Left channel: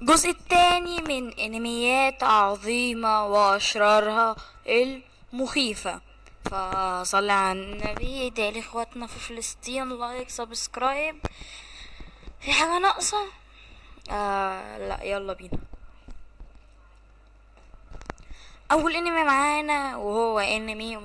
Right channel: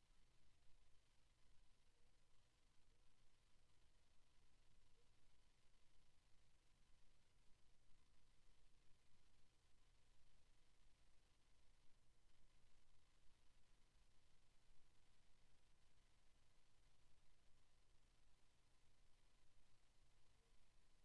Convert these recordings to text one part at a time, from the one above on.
الجزء التاني من انميات عظيمة واشرارها المخيفة. فصلي على النبي، ادعي لاخواتنا في فلسطين، لايك سبسكرايب. في حاجة ناقصة؟ لا، يلا بينا. اول انمي معانا وهو انمي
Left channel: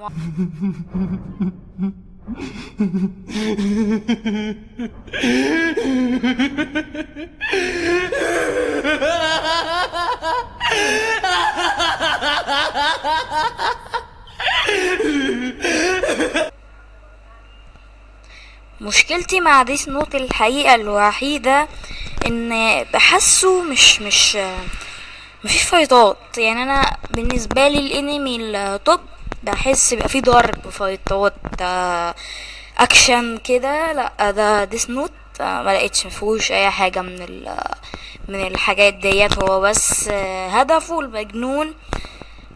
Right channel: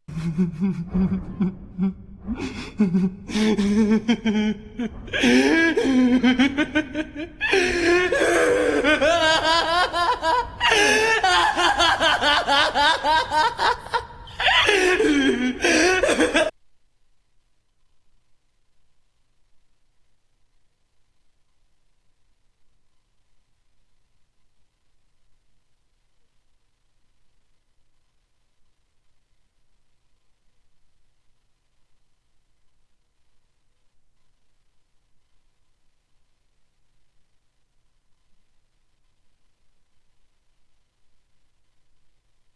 مشكلتي مع ديس نوت الحقيقة الوحيدة ان بحسه مش مفيش فايتات. يعني انا بالنسبة لي الانمي التوب بحس بيبقى فيه ضرب فايتات، اكشن كده. لا، ده ديس نوت ما لقيتش مفيهوش اي حاجة من الحاجات ديت. هو بس هدفه المجنون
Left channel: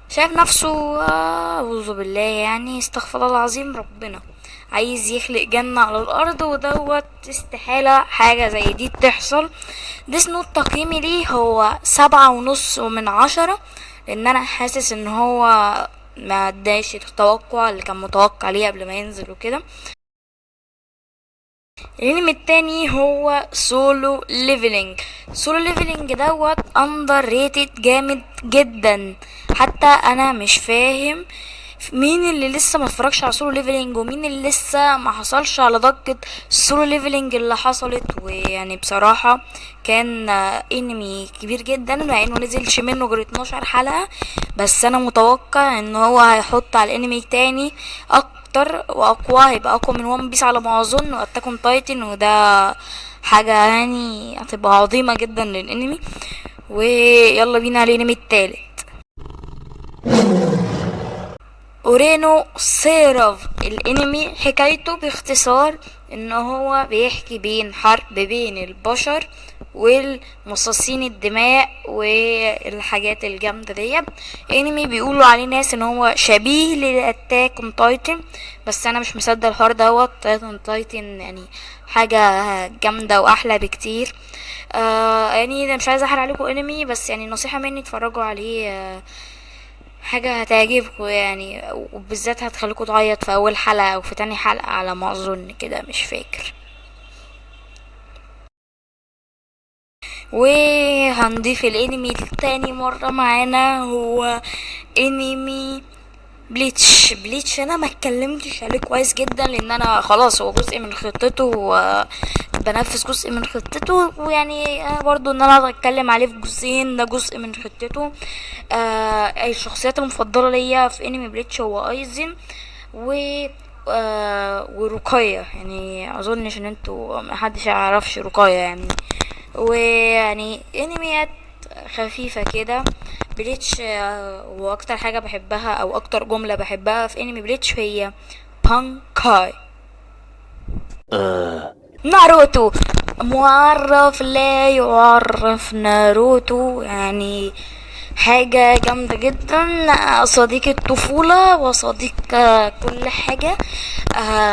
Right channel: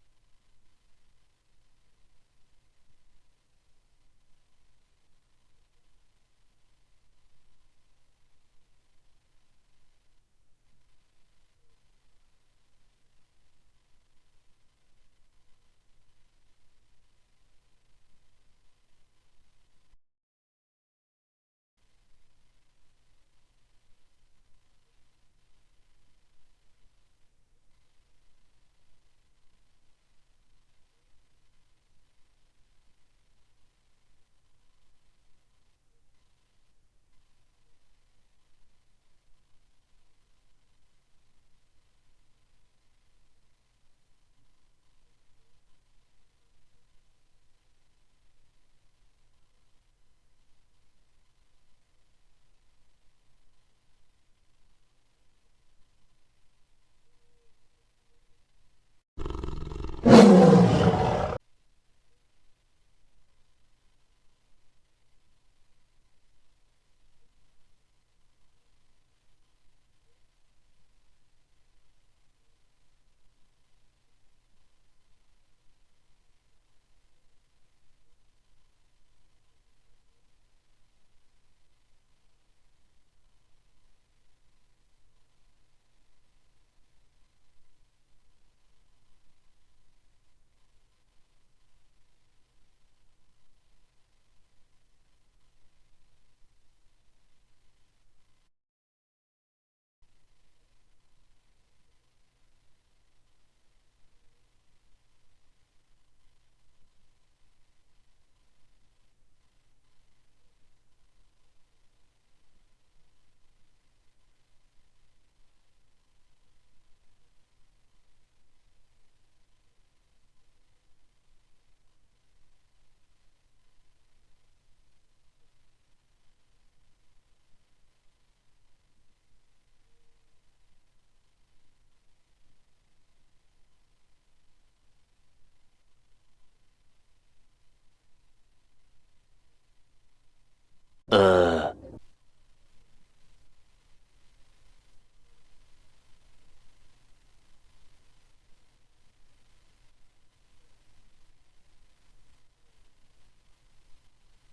شايف نفسه، أعوذ بالله، يعني استغفر الله العظيم، ربنا عايز يخلق جنة على الأرض، ودوت استحالة حاجة زي دي تحصل. ديس نوت تقييمي ليه هو 7.5 من 10، لأن أنا حاسس إن هو ما اداش التوقع اللي كان متوقع ليه قبل ما ينزل وكده. الانمي التاني هو سولو ليفلينج. سولو ليفلينج دوت اندر ريتد جامد جدا. حتى انا مش فاهم مين اللي لسه ما اتفرجش على سولو ليفلينج، ومين اللي لسه ما حصلش على ضجة سولو ليفلينج اللي حصلت. ويعني بصراحة كان انمي كبير جدا، مع انه نزلش منه غير 12 حلقة. بس انا متوقع ان هو هيحط على الانمي التاني اكتر واقوى، هيبقى اقوى من ون بيس على ما اظن، واتاك اون تايتن، وده حاجة يعني هتبقى عظيمة جدا للانمي. ويلا بينا على الانمي التالت، اورينو سيراف. الانمي حكايته باختصار ان هو بيحكي بين حرب بين البشر والمصاصين الدماء والحاجات الجامدة دي. انمي بيقولوا عليه ناس ان هو شبيه لاتاك اون تايتن، بس انا مش مصدق الحوار دوت. تايتن تايتن يعني حاجة جامدة واحلى بكتير. يعني ده مش عايزة احرق عليكم انمي، بس يعني نصيحة مني اتفرجوا عليه. حاجة هتعجبكم يعني، وبالذات هتخليكم تعيط في اول حلقة او في تاني حلقة على ما اظن كده، مش فاكر. وهنضيف الانمي التاني مرة معانا هو انمي بليتش. انا ما اتكلمتش عليه كويس جدا لان انا خلاص هو جزء من خطته، بنفذ جزء من خطته. ويعني برضو ان انا اتكلم عليه في جزئين، ده جزء من خطته. الشخصيات المفضلة ليا في انمي بليتش هو ايزن و ورقية. يعني اظنش ان انتوا محدش يعرفش رقية يعني. ويعني انميات خفيفة كده. بليتش واكتر حاجة بحبها او اكتر جملة بحبها في انمي بليتش هي بانكاي. ناروتو معرف لا يعرف. ناروتو يعني حاجة جامدة جدا، صديق الطفولة وصديق كل حاجة.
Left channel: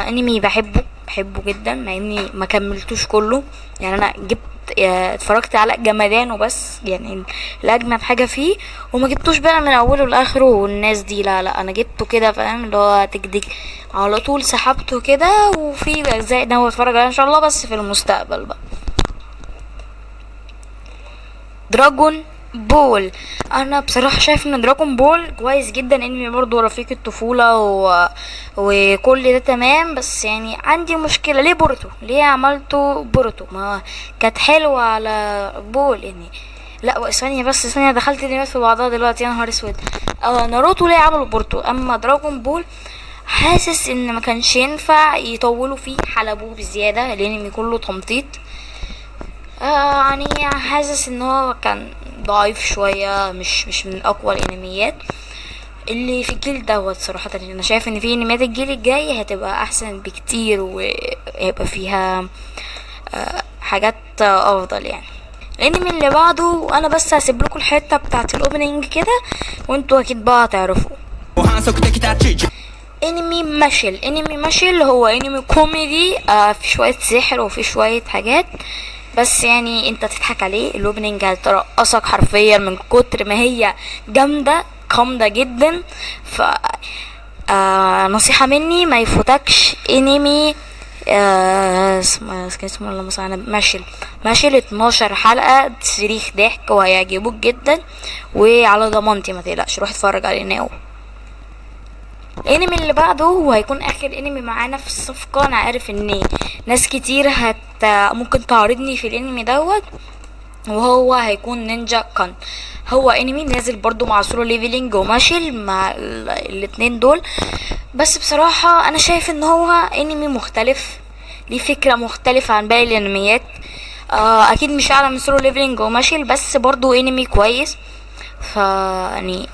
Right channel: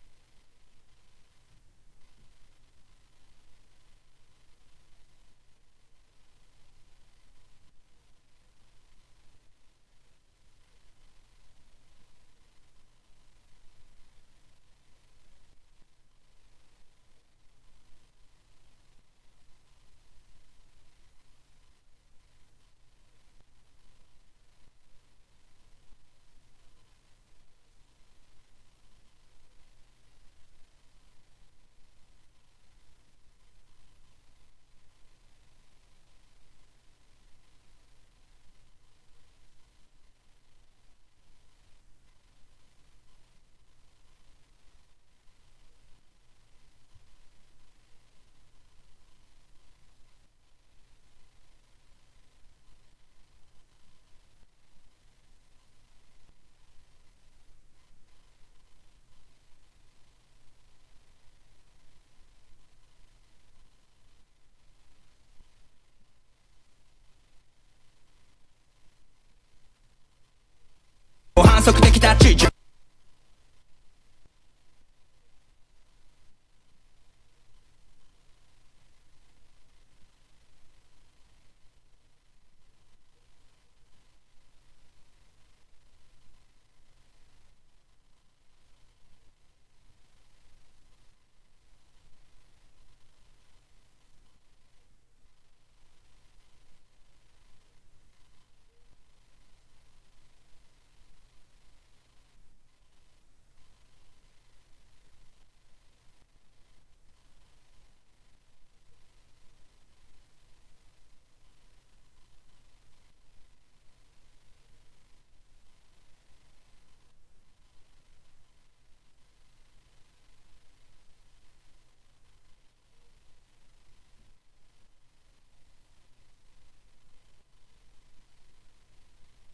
انمي بحبه جدا، مع اني ما كملتوش كله. يعني انا جبت اتفرجت على جمدان وبس، يعني الاجمد حاجة فيه، وما جبتوش بقى من اوله لاخره والناس دي. لا لا، انا جبته كده فاهم، اللي هو تكديك على طول سحبته كده. وفي اجزاء ناوي اتفرج عليها ان شاء الله، بس في المستقبل بقى. دراجون بول. انا بصراحه شايف ان دراجون بول كويس جدا، انمي برضه رفيق الطفوله وكل ده تمام. بس يعني عندي مشكله، ليه بورتو؟ ليه عملته بورتو؟ ما كانت حلوه على بول يعني. لا ثانيه بس، ثانيه، دخلت الانميات في بعضها دلوقتي، يا نهار اسود. ناروتو ليه عملوا بورتو؟ اما دراجون بول حاسس ان ما كانش ينفع يطولوا فيه، حلبوه بزياده، الانمي كله تمطيط. يعني حاسس ان هو كان ضعيف شوية، مش من اقوى الانميات اللي في الجيل دوت. صراحة انا شايف ان في انميات الجيل الجاي هتبقى احسن بكتير، وهيبقى فيها حاجات افضل يعني. الانمي اللي بعده انا بس هسيب لكم الحتة بتاعت الاوبننج كده، وانتوا اكيد بقى هتعرفوا. انمي ماشل هو انمي كوميدي، في شوية سحر وفي شوية حاجات. بس يعني انت تضحك عليه، الاوبننج هترقصك حرفيا من كتر ما هي جامده، قامده جدا. ف نصيحة مني ما يفوتكش انمي اسمه الله مثلا ماشل 12 حلقة صريخ ضحك وهيعجبوك جدا، وعلى ضمانتي ما تقلقش روح اتفرج عليه ناو. الانمي اللي بعده هو هيكون اخر انمي معانا في الصفقة. انا عارف ان ناس كتير ممكن تعارضني في الانمي دوت، وهو هيكون نينجا كان. هو انمي نازل برضو مع سولو ليفلينج وماشل مع الاتنين دول. بس بصراحة انا شايف ان هو انمي مختلف، ليه فكرة مختلفة عن باقي الانميات. اكيد مش اعلى من سولو ليفلينج وماشل، بس برضو انمي كويس. ف يعني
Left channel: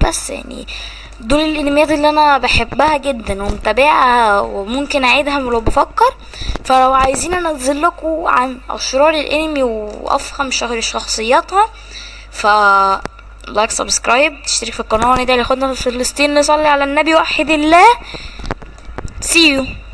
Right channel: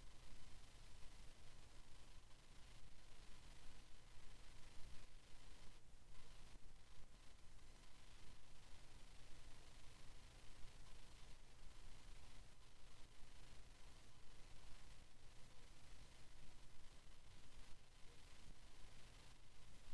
بس يعني دول الانميات اللي انا بحبها جدا ومتابعها وممكن اعيدها لو بفكر. فلو عايزين انزل لكم عن اشرار الانمي وافخم شخصياتها، ف لايك سبسكرايب تشترك في القناه، وندعي لاخواتنا في فلسطين، نصلي على النبي، وحد الله. See you.